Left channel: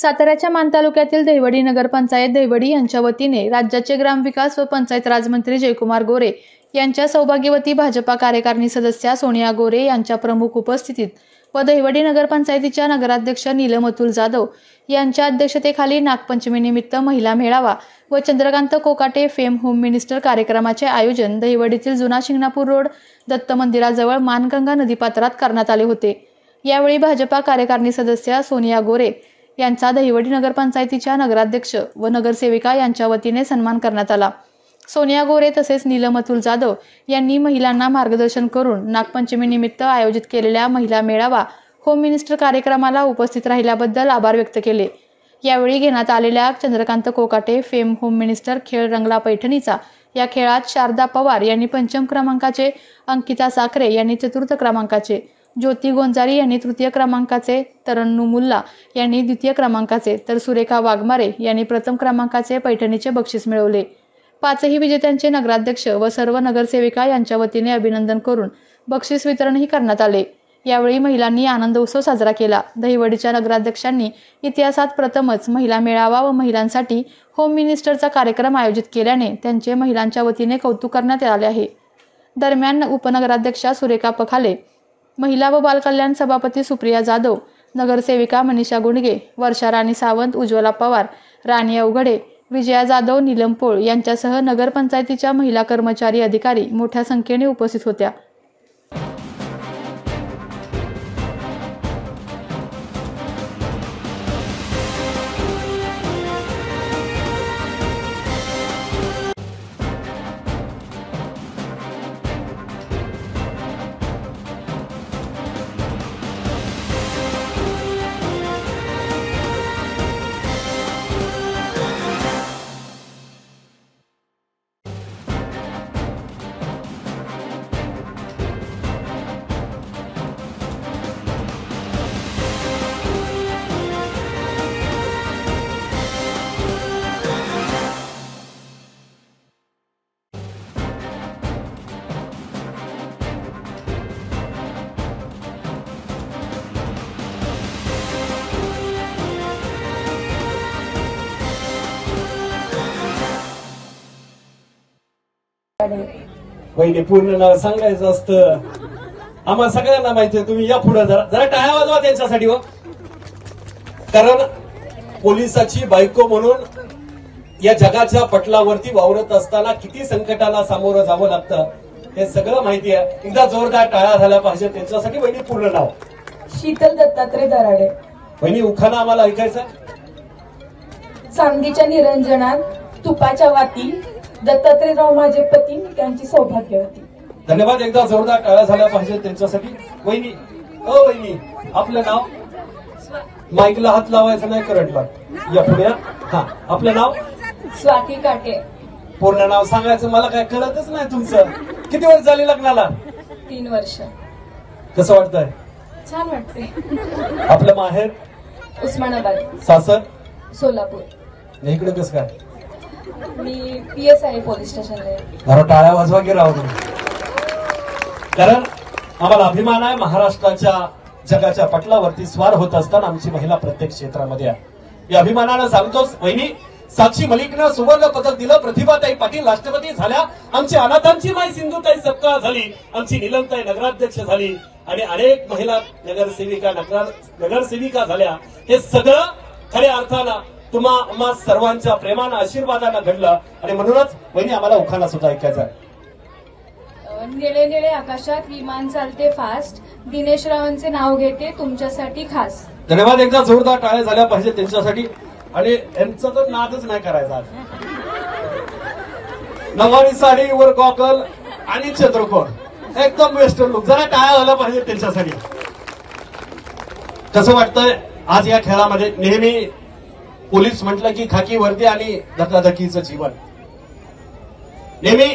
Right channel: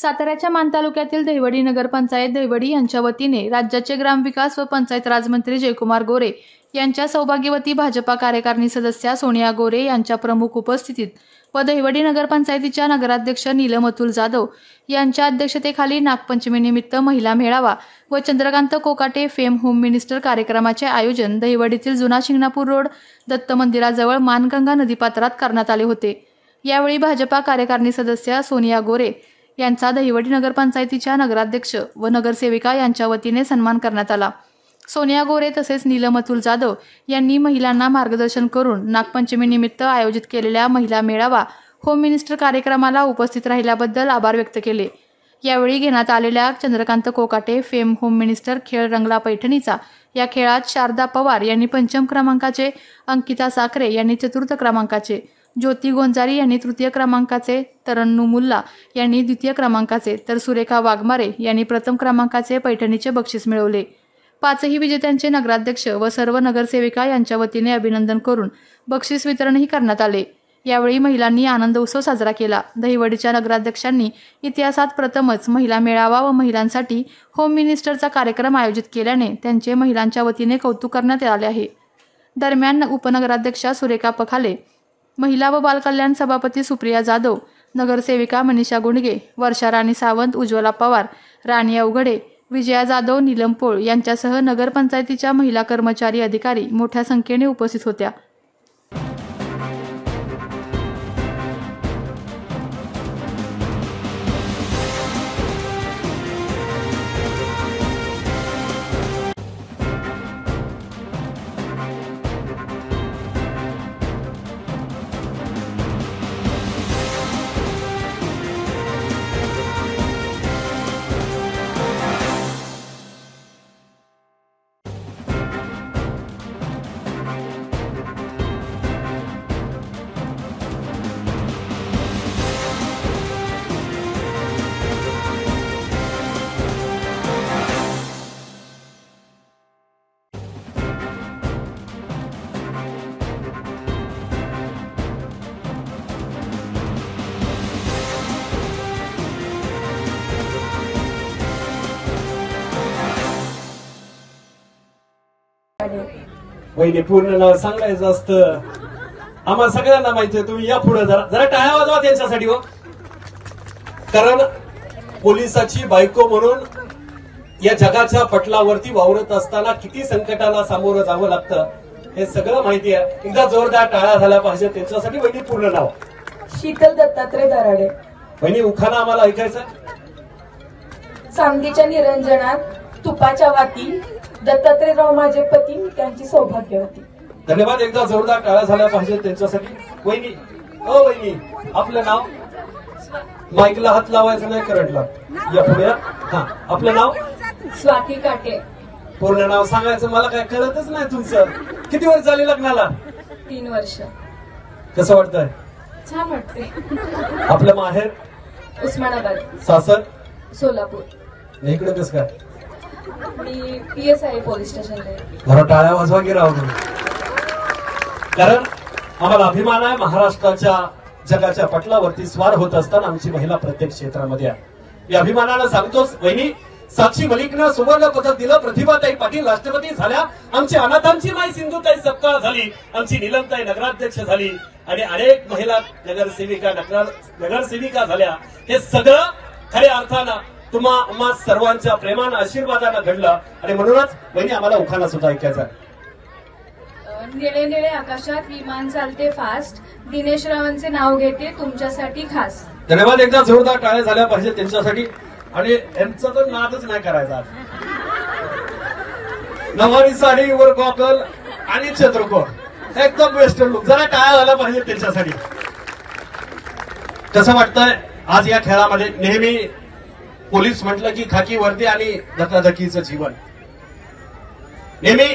साताऱ्याच्या मान तालुक्यातील दहिवडी नगरपंचायत दहिवडी यांच्या वतीने राज्याचे ग्रामविकास व पंचायत राज मंत्री जयकुमार गोरे यांच्या सौभाग्यवती भाजपा कार्यकारिणी सदस्या सोनिया गोरे यांच्या प्रमुख उपस्थितीत व दहिवडी नगरपंचायतीच्या नगराध्यक्ष नीलम अतुल जाधव यांच्या अध्यक्षतेखाली नागपंचमीनिमित्त महिला मेळावा व Chandrakant Kokate fame home minister कार्यक्रमाचे आयोजन दहिवडीतील जुना शिंगणापूर रोड दत्त मंदिराजवळ मानगंगा नदीपात्रात करण्यात आले होते। यावेळी भाजपा कार्यकारिणी सदस्या सोनिया गोरे यांचा दहिवडी नगरपंचायतीच्या नगराध्यक्ष व नगरसेविका यांच्या वतीने सन्मान करण्यात आला। सोनिया गोरे तसेच नीलम अतुल जाधव यांनी महिलांना मार्गदर्शन करून नागपंचमीनिमित्त आयोजित केलेल्या महिला मेळावा होम मिनिस्टर कार्यक्रमाला उपस्थित राहिल्याबद्दल आभार व्यक्त केले। यावेळी घेण्यात आलेल्या Chandrakant Kokate fame home minister खेळ रंगला पैठणीचा या खेळात शारदा पवार यांनी पंचम क्रमांकाचे, अंकिता साखरे यांनी चतुर्थ क्रमांकाचे, ज्योती गोंजारी यांनी तृतीय क्रमांकाचे, तरन्नू मुल्ला यांनी द्वितीय क्रमांकाचे तर सुरेखा वाघमारे यांनी प्रथम क्रमांकाचे पैठणीचे बक्षीस मिळवले। पाचही विजेत्यांचे नगराध्यक्ष व सर्व नगरसेविका यांच्या वतीने अभिनंदन करून बक्षीस वितरणही करण्यात आले। यावेळी महिलांनी आनंद उत्सव साजरा केला। दहिवडीच्या नगराध्यक्षांनी इतिहासात प्रथमच महिला मेळावा व महिलांसाठी होम मिनिस्टरचा कार्यक्रम आयोजित केल्याने त्यांचे महिलांच्या वतीने कौतुक करण्यात आले आहे। दरम्यान उपनगराध्यक्षा सुरेखा पखाले, महिला व बालकल्याण सभापती सुप्रिया जाधव, नगरसेविका मनीषा गुंडगे, वर्षा राणी सावंत, उज्ज्वला पवार, राणी अवघडे, विजया जाधव, नीलम पोळ यांच्यासह नगरपंचायतीच्या महिला कर्मचारी अधिकारी मोठ्या संख्येने उपस्थित होत्या। वहिनी पूर्ण नाव सांगायचं असतं, आम्हाला सगळ्यांना माहितीये। तुम्ही या पुढे जरा टाळ्या वाजवा त्यांच्यासाठी हो, कारण पोलिसाची बायको म्हणून या जगाच्या पटलावरती वावरत असताना किती संकटाला सामोरं जावं लागतं हे सगळं माहिती आहे। एकदा जोरदार टाळ्या झाल्या पाहिजे त्यांच्यासाठी। वहिनी पूर्ण नाव शीतल दत्तात्रय दराडे। वहिनी उखाणा आम्हाला ऐकायचं। चांदीच्या निरंजनात तुपाच्या वाती, दत्तात्रयराव माझे पती, त्यांची सौभाग्यवती। धन्यवाद। एकदा जोरदार टाळ्या झाल्या पाहिजे त्यांच्यासाठी। वहिनी वहिनी आपलं नाव, माईकला हात लावायचा नाही करंटला, या पुढे। हा, आपलं नाव स्वाती काटे। पूर्ण नाव सांगायचं, मला काय कळतच नाही तुमचं। किती वर्ष झाली लग्नाला? 3 वर्ष। कसं वाटतंय? छान वाटतंय। आपलं माहेर उस्मानाबाद, सासर सोलापूर। इकडे कसं काय? मी PSI पोलीस स्टेशनला। बरं, टाळ्या वाजवा की राहू, कारण आम्हाला अभिमान आहे महाराष्ट्राच्या जगाच्या पटलावरती स्वार होत असताना आमची महिला प्रत्येक क्षेत्रामध्ये आहे। या अभिमानानं सांगतोच। वहिनी साक्षी मलिकनं सुवर्ण पदक दिलं, प्रतिभाताई पाटील राष्ट्रपती झाल्या, आमची अनाथांची माई सिंधुताई सत्कार झाली, आमची नीलमताई नगराध्यक्ष झाली आणि अनेक महिला नगरसेविका झाल्या। हे सगळं खऱ्या अर्थानं तुम्हा सर्वांच्या प्रेमानं आशीर्वादानं घडलं आणि म्हणूनच वहिनी आम्हाला उखाणा सुद्धा ऐकायचा आहे। निळे निळे आकाशात विमान चालते फास्ट, दिनेश रावांचे नाव घेते तुमच्यासाठी खास। धन्यवाद। एकदा जोरदार टाळ्या झाल्या पाहिजे त्यांच्यासाठी। आणि यांचा तो नादच नाही करायचा। नवारी साडी वर गॉगल आणि चंद्रकोर, एकदम वेस्टर्न लुक। जरा टाळ्या झाल्या पाहिजे त्यांच्यासाठी। कसं वाटतंय आज या खेळामध्ये? नेहमी पोलीस म्हटलं की खाकी वर्दी आणि धकाधकीचं जीवन, नेहमी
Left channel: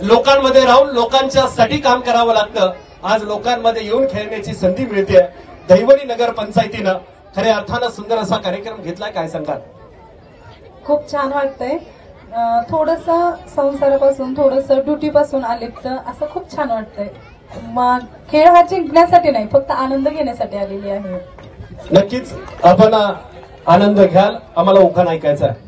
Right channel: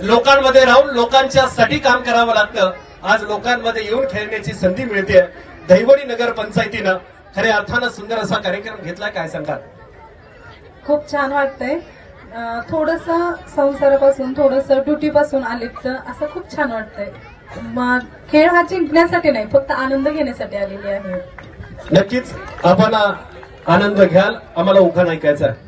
लोकांमध्ये राहून लोकांच्यासाठी काम करावं लागतं। आज लोकांमध्ये येऊन खेळण्याची संधी मिळते। दहिवडी नगरपंचायतीनं खऱ्या अर्थानं सुंदर असा कार्यक्रम घेतला, काय सांगाल? खूप छान वाटतंय। थोडंसं संसारापासून, थोडंसं ड्युटीपासून आलिप्त असं खूप छान वाटतंय। मग खेळ हा जिंकण्यासाठी नाही, फक्त आनंद घेण्यासाठी आलेली आहे। नक्कीच आपण आनंद घ्याल. आम्हाला उखाण ऐकायचा आहे.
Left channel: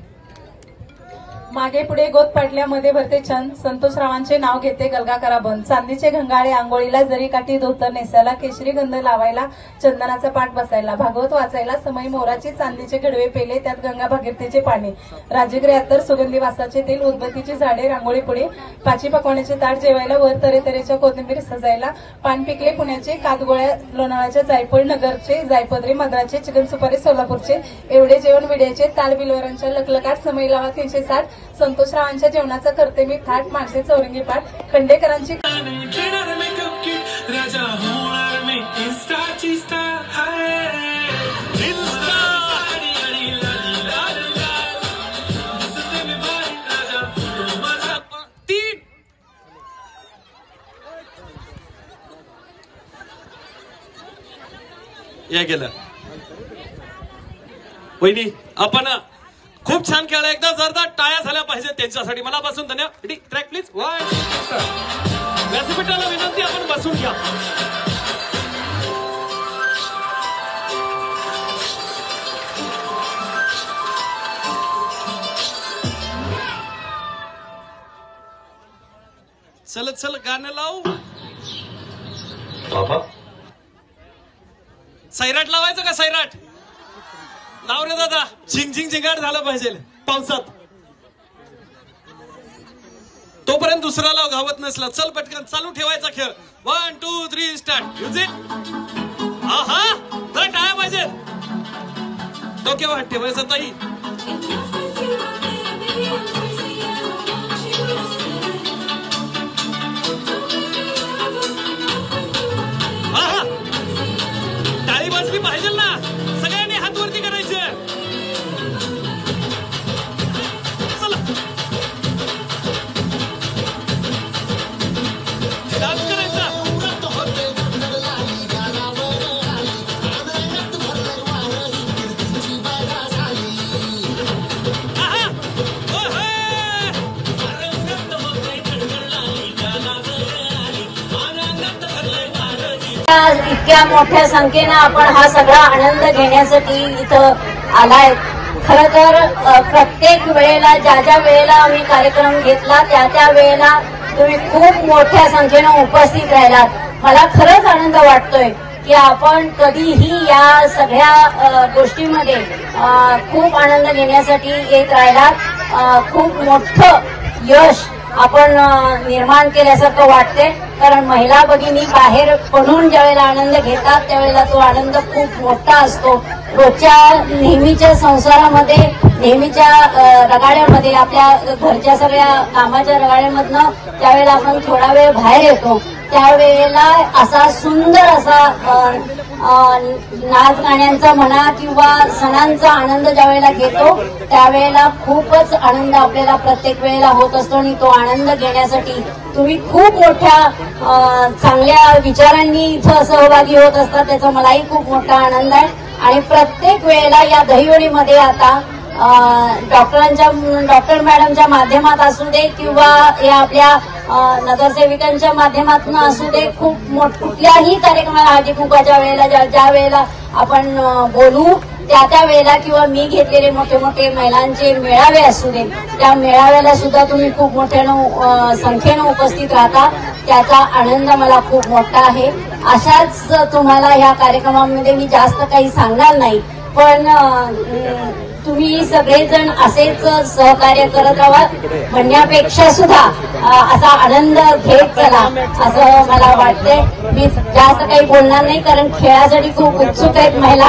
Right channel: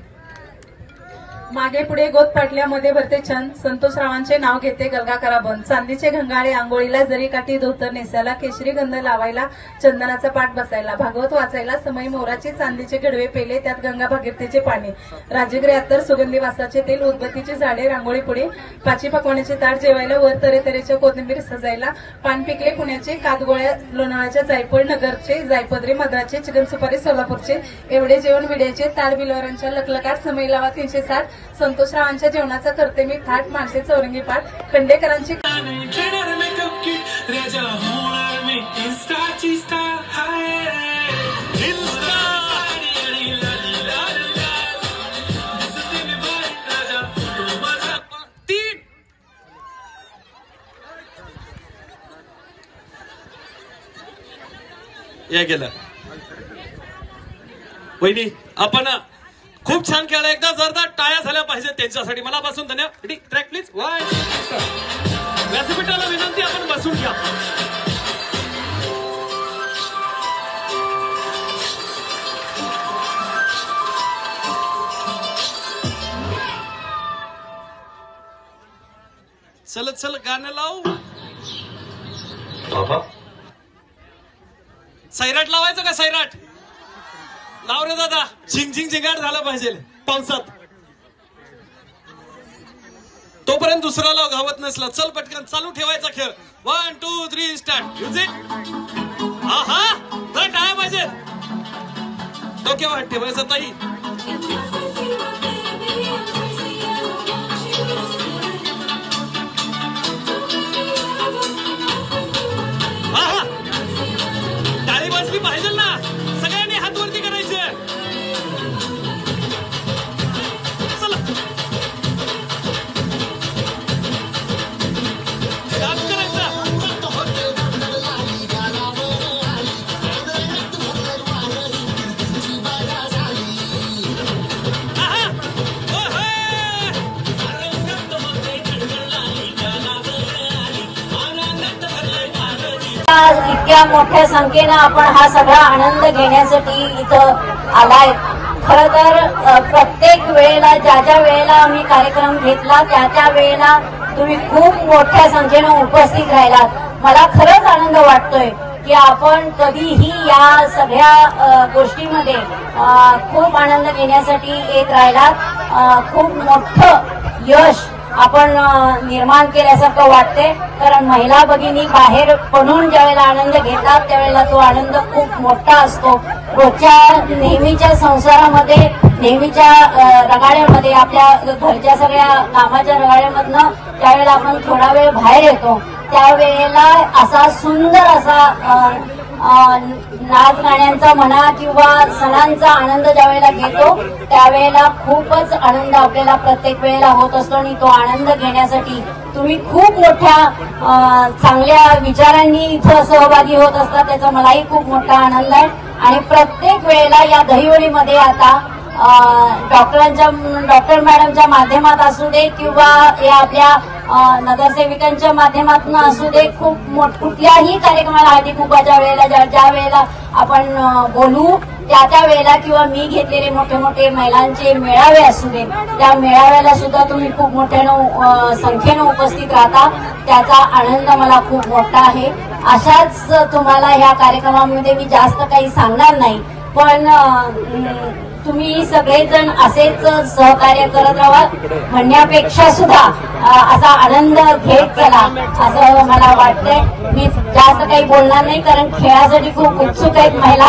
मागे पुढे गोत पाटल्यामध्ये भरते छंद, संतोषरावांचे नाव घेते गलगा करा बंद. चांदीचे घंगाळे आंघोळीला, जरी काठी धोतर नेसायला, केशरी गंध लावायला, चंदनाचा पाठ बसायला, भागवत वाचायला, समय मोराचे चांदीचे गडवे पेले, त्यात गंगा भागीरथीचे पाणी, राजगिरी अत्तर, सुगंधी वासाचे तेल, उदबत्तीची झाडे, रांगोळी पुढे, पाची पकवानाचे ताट जेवायला, वर तऱ्हेतऱ्हेच्या कोथिंबीर सजायला, पान पिकले पुण्याचे, कातगोळ्या लोणावळ्याच्या, जायफळ नगरचे, जायपदरे मद्राचे, चिकन सुपारी सोलापूरचे, एवढे जेवण विड्याचे, ताड बिलवरांच्या लकलकाट, समय लावा 360, संतोषरावांच्या जेवणाचा करते मी थाट, मानते चौरंगी पाठ, खंडेकरांची या गेलं. वहिनी आपण खूप छान खेळला. एकदा जोरदार टाळ्या झाल्या पाहिजे त्यांच्यासाठी. मनापासून धन्यवाद. Track please. व्यासपीठाला विनंती, आपण बसून घ्या. चलत चल गाणं लावू. सैराट लावायचं का? सैराट लाव रे दादा. झिंग झिंग झिंगाट झालं पाहिजे पावसात. तोपर्यंत दुसरा लाव घावत नसला. चल पटकन चालू ठेवायचा खेळ. 1 2 3 स्टार्ट. म्युझिक. हा हा तर काय पाहिजे तो केव्हा ठेवायचा ताई. हा हा टाळी वाजली पाहिजे ना. सगळ्यांनी हात वरती करायचे. चला डान्स करायचा. इतक्या मोठ्या संख्येनं आपण हा सगळा आनंद घेण्यासाठी इथं आलाय. खरं तर प्रत्येक वेळेला ज्या ज्या वेळेला आम्ही कार्यक्रम घेतला त्या वेळेला तुम्ही खूप मोठ्या संख्येनं उपस्थित राहिलात. मला खरंच आनंद वाटतोय की आपण कधीही या सगळ्या गोष्टीमध्ये खूप आनंद घेण्यासाठी येत राहिलात. खूप मोठं यश आपण निर्माण केल्यासारखं वाटते. कारण महिला भगिनी बाहेर पडून ज्यावेळेला आनंद घेतात त्यावेळेला तो आनंद खूप मोठा असतो. रोजच्या नेहमीच्या संसारामध्ये, नेहमीच्या रगाड्यामध्ये, आपल्या घरच्या सगळ्या कामाच्या रगाड्यामधनं ज्यावेळेला आपण थोडा वेळ बाहेर येतो त्यावेळेला असा सुंदर असा नाच गाण्यांचा म्हणा किंवा सणांचा आनंद ज्यावेळेला घेतो त्यावेळेला खूपच आनंद आपल्याला प्रत्येक वेळेला होत असतो. आणि तो आनंद घेण्यासाठी तुम्ही खूप मोठ्या चांगल्या विचारांनी इथं सहभागी होत असतात. त्याचा मलाही खूप मोठा आनंद आहे. आणि प्रत्येक वेळेला या दहिवडीमध्ये आता डॉक्टर मॅडमच्या माध्यमात असू दे किंवा या आपल्या नगरसेविकांच्या माध्यमातून असू दे, खूप कुठल्याही कार्यक्रमाला हळदी कुंकवाच्या वेळेला ज्या वेळेला आपण बोलू त्या वेळेला किंवा मी घेतलेले मोठे मोठे महिलांचे मेळावे असू दे त्या मेळाव्याला सुद्धा तुम्ही खूप मोठ्यानं संख्येनं उपस्थित राहता. त्याचा आनंद मला खूप मोठा आहे. अशाच तुम्हाला या कार्यक्रमामध्ये मी जास्त काही सांगणार नाही, पण तुम्ही सगळेजण असेच सहकार्य करत राहा म्हणण्यापेक्षा सुद्धा असा आनंद घेत चला असं मला वाटतंय. मी जास्त काही बोलणार नाही कारण खेळासाठी खूप उत्सुक आहेत महिला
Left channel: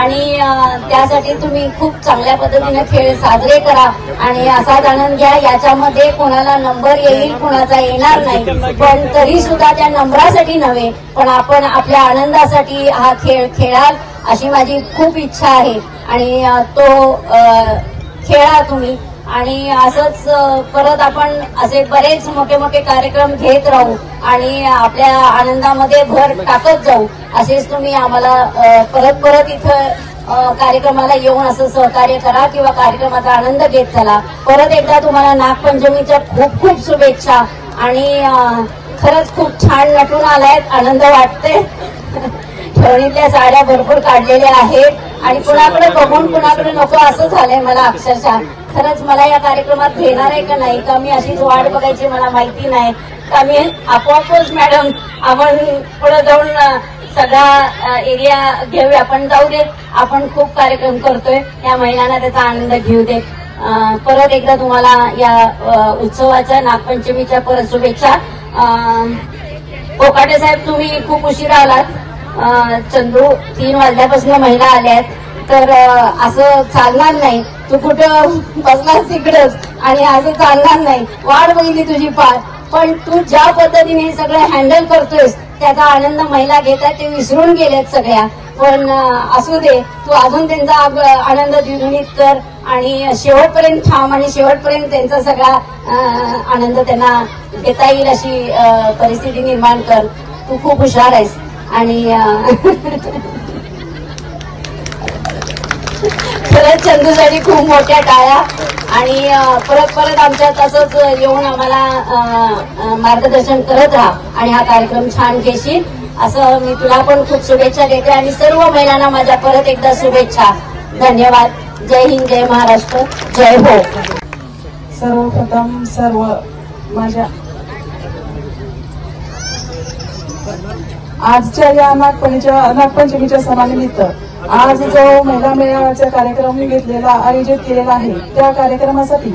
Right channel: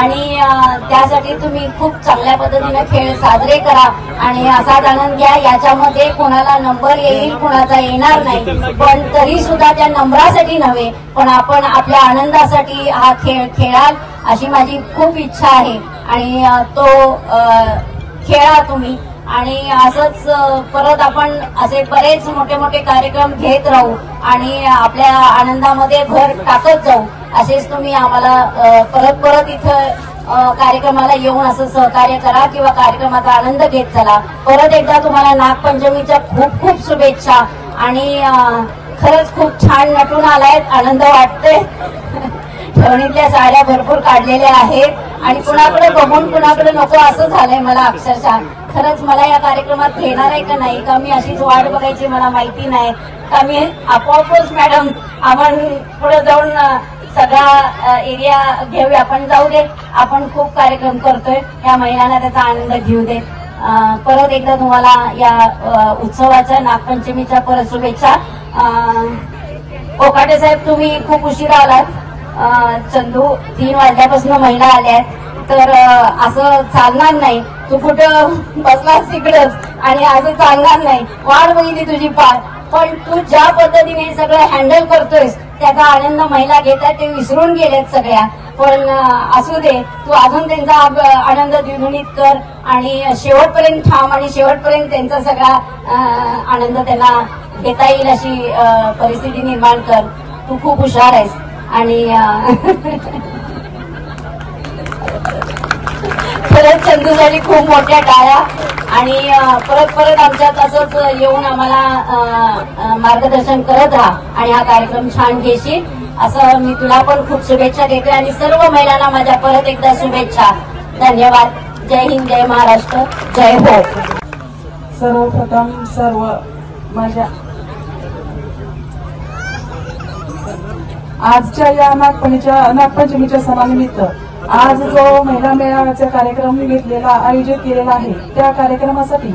आणि त्यासाठी तुम्ही खूप चांगल्या पद्धतीने खेळ साजरे करा आणि असाच आनंद घ्या. याच्यामध्ये कोणाला नंबर येईल कोणाचा येणार नाही, पण तरी सुद्धा त्या नंबरासाठी नव्हे पण आपण आपल्या आनंदासाठी हा खेळ खेळाल अशी माझी खूप इच्छा आहे. आणि तो खेळा तुम्ही आणि असंच परत आपण असे बरेच मोठे मोठे कार्यक्रम घेत राहू आणि आपल्या आनंदामध्ये भर टाकत जाऊ. असेच तुम्ही आम्हाला परत परत इथं कार्यक्रमाला येऊन असं सहकार्य करा किंवा कार्यक्रमाचा आनंद घेत चला. परत एकदा तुम्हाला नागपंचमीच्या खूप खूप शुभेच्छा आणि खरंच खूप छान नटून आलायत, आनंद वाटतोय. ठेवणीतल्या साड्या भरपूर काढलेल्या आहेत आणि कुणाकडे बघून कुणाकडे नको असं झालंय मला अक्षरशः. खरंच मला या कार्यक्रमात घेणार आहे का नाही का मी अशीच वाट बघायची मला माहिती नाही का मी आपोआपच मॅडम आपण पुढे जाऊन सगळा एरिया घेऊया. पण जाऊ दे, आपण खूप कार्यक्रम करतोय, या महिलांना त्याचा आनंद घेऊ दे. परत एकदा तुम्हाला या उत्सवाच्या नागपंचमीच्या परत शुभेच्छा. कोकाटे साहेब तुम्ही खूप उशिरा आलात. चंदू 3 वाजल्यापासून महिला आल्यात तर असं चालणार नाही. तू कुठं बसलास तिकडंच आणि असं चालणार नाही. वाट बघितली तुझी पार, पण तू ज्या पद्धतीने सगळं हँडल करतोयस त्याचा आनंद महिला घेतात, ते विसरून गेल्यात सगळ्या. पण असू दे, तू अजून त्यांचा आनंद द्विगुणित कर आणि शेवटपर्यंत थांब आणि शेवटपर्यंत त्यांचा सगळा आनंद त्यांना घेता येईल अशी परिस्थिती निर्माण कर. तू खूप हुशार आहेस आणि खरंच चंदूसाठी खूप मोठ्या टाळ्या आणि परत आमच्यात असंच येऊन आम्हाला मार्गदर्शन करत राहा आणि हा कार्यक्रम छान घेशील असं मी तुला पण खूप शुभेच्छा देते आणि सर्व महिलांना माझ्या परत एकदा शुभेच्छा. धन्यवाद. जय हिंद, जय महाराष्ट्र, जय हो. सर्वप्रथम सर्व माझ्या आजच्या या नागपंचमीच्या सणानिमित्त आज जो महिला मेळाव्याचा कार्यक्रम घेतलेला आयोजित केलेला आहे त्या कार्यक्रमासाठी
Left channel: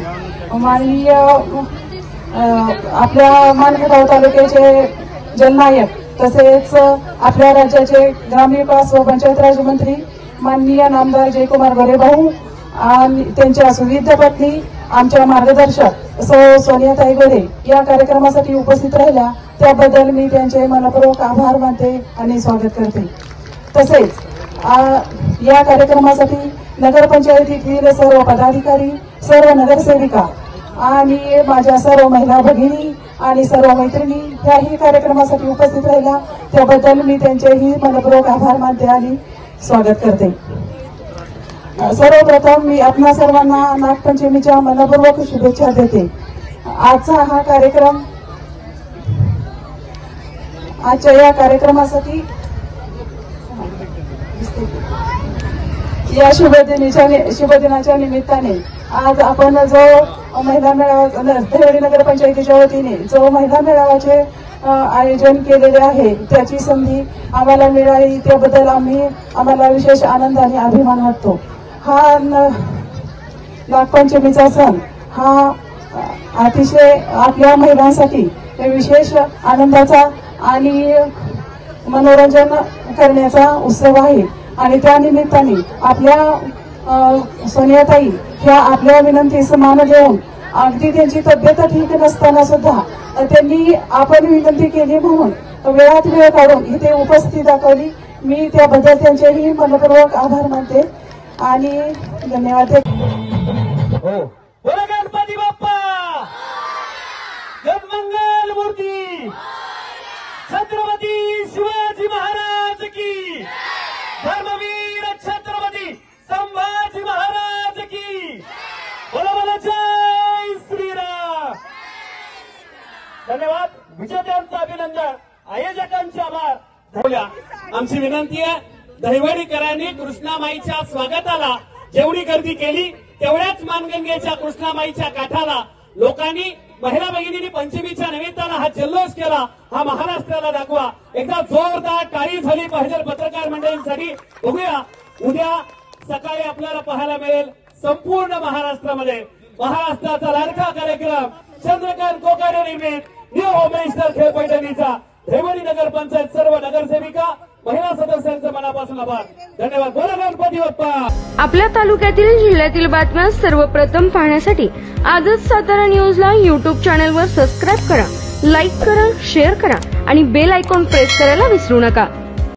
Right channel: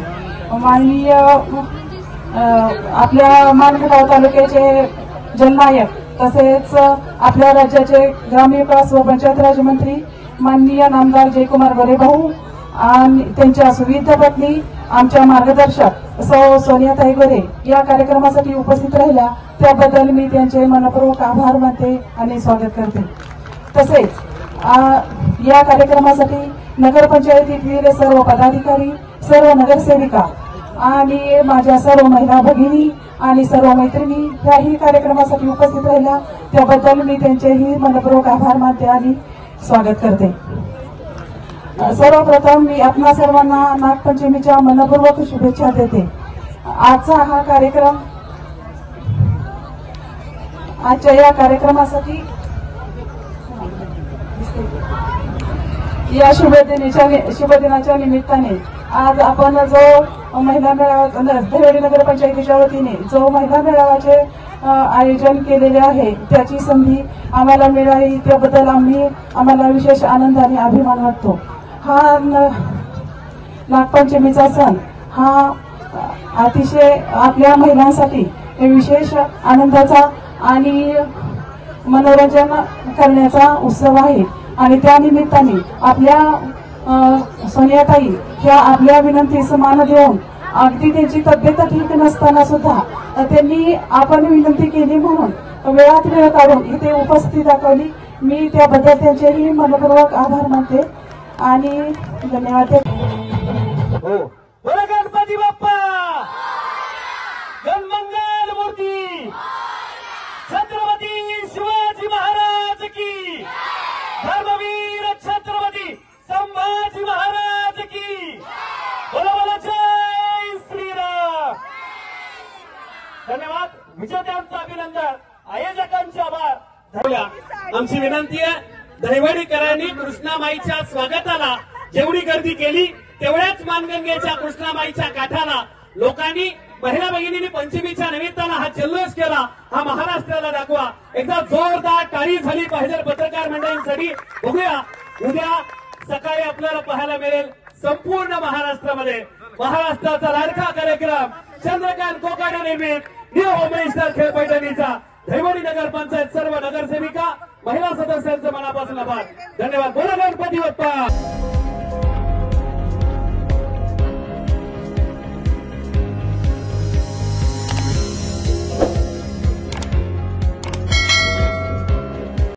माननीय आपल्या माणगाव तालुक्याचे जननायक तसेच आपल्या राज्याचे ग्रामविकास व पंचायत राज मंत्री माननीय नामदार जयकुमार गोरे भाऊ आणि त्यांच्या सुविधा पत्नी आमच्या मार्गदर्शक सौ सोनियाताई गोरे या कार्यक्रमासाठी उपस्थित राहिल्या त्याबद्दल मी त्यांचे मनपूर्वक आभार मानते आणि स्वागत करते. तसेच या कार्यक्रमासाठी नगरपंचायतीतील सर्व पदाधिकारी, सर्व नगरसेविका आणि माझ्या सर्व महिला भगिनी आणि सर्व मैत्रिणी याही कार्यक्रमासाठी उपस्थित राहिल्या त्याबद्दल मी त्यांचेही मनपूर्वक आभार मानते आणि स्वागत करते. सर्वप्रथम मी आपल्या सर्वांना नागपंचमीच्या मनपूर्वक शुभेच्छा देते. आजचा हा कार्यक्रम आजच्या या कार्यक्रमासाठी या शुभदिनाच्या निमित्ताने आज आपण जो महिला मेळावा दहिवडी नगरपंचायतीच्या वतीने जो महिला मेळाव्याचे आयोजन केलेले आहे त्याची संधी आम्हाला मिळाली त्याबद्दल आम्हाला विशेष आनंद आणि अभिमान वाटतो. हा नागपंचमीचा सण हा अतिशय आपल्या महिलांसाठी विशेष आनंदाचा आणि मनोरंजन करण्याचा उत्सव आहे आणि त्या निमित्ताने आपल्या सोनियाताई ह्या आपल्या विनंतीस मान घेऊन अगदी त्यांची तब्येत ठीक नसताना सुद्धा त्यांनी आपण विनंती केली म्हणून वेळात वेळ काढून इथे उपस्थिती दाखवली. मी त्याबद्दल त्यांचेही मनपूर्वक आभार मानते आणि धन्यवाद. गणपती बाप्पा गणमंगल मूर्ती छत्रपती शिवाजी महाराज की, धर्मवीर छत्रपती संभाजी महाराज की, बोला जय श्रीराम. धन्यवाद. विजेत्यांचं अभिनंदन, आयोजकांचे आभार. आमची विनंती आहे दहिवडीकरांनी कृष्णामाईच्या स्वागताला जेवढी गर्दी केली तेवढ्याच मानगंगेच्या कृष्णामाईच्या काठाला लोकांनी महिला भगिनींनी पंचमीच्या निमित्तानं हा जल्लोष केला. हा महाराष्ट्राला दाखवा. एकदा जोरदार टाळी झाली पाहिजे पत्रकार मंडळींसाठी. बघूया उद्या सकाळी आपल्याला पाहायला मिळेल संपूर्ण महाराष्ट्रामध्ये महाराष्ट्राचा लाडका कार्यक्रम चंद्रकांत कोकाटे निर्मित न्यू होममिनिस्टर खेळ पैठणीचा दहिवडी नगर पंचायत सर्व नगरसेविका महिला सदस्यांचे मनापासून आभार. धन्यवाद. बोला गणपती बाप्पा. आपल्या तालुक्यातील जिल्ह्यातील बातम्या सर्वप्रथम पाहण्यासाठी आजच सातारा न्यूजला YouTube चॅनलवर सबस्क्राईब करा, लाईक करा, शेअर करा आणि बेल आयकॉन प्रेस करायला विसरू नका.